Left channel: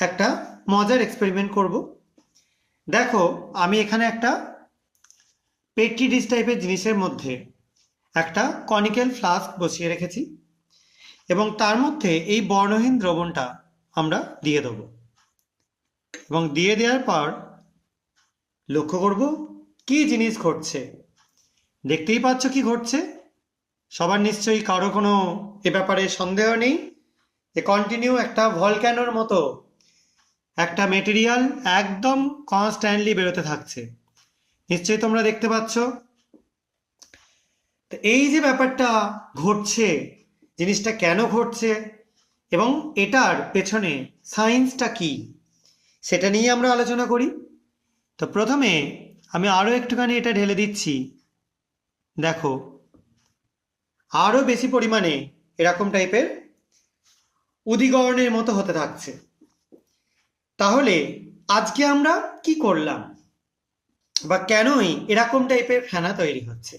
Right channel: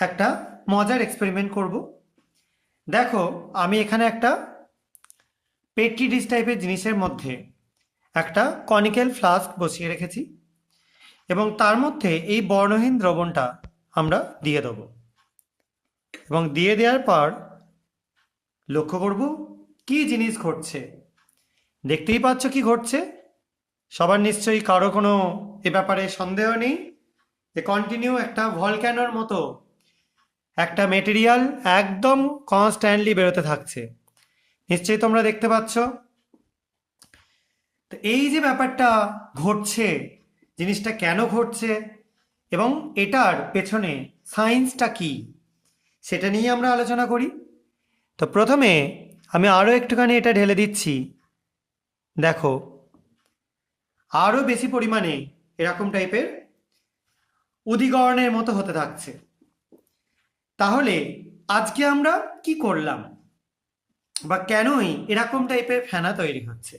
একটা মজার এক্সপেরিমেন্ট করব। দেখো, আমি এখানে একটা পেট্রি ডিশ টাইপের জিনিসের মধ্যে একটা কনিক্যাল ফ্লাস্ক বসিয়ে রেখেছি এবং তার মধ্যে এই বর্ণহীন দ্রবণটা আমরা দিয়ে দেবো এবং দিয়ে দেওয়ার পর লক্ষ্য করব কি জিনিস ঘটছে। দেখতেই পাচ্ছ কি ঘটছে। সবার নিশ্চয়ই কারো কোনো এ ব্যাপারে সন্দেহ নেই যে কন্টিনিউ একটা ভলক্যানোর মতো একটা মেটেরিয়াল একদম কনস্ট্যান্টলি বেরোতে থাকছে। নিশ্চয়ই তোমরা দেখতে পাচ্ছ। তো এই যে ব্যাপারটা ঘটছে, জিনিসটা কেন ঘটছে এবং এটার পেছনে সায়েন্সটা কি, সেটা নিয়ে আমরা আলোচনা করি। তো প্রথমে আমি আরও একটুখানি এটা ঢেলে দিচ্ছি। দেখো, আরও বেশি পরিমাণে এরকম টাইপের উদিগরণের মতো হতে থাকছে। তাহলে আজকে আমরা কি করলাম বা কেনই এরকম টাইপের ফেনা তৈরি হচ্ছে?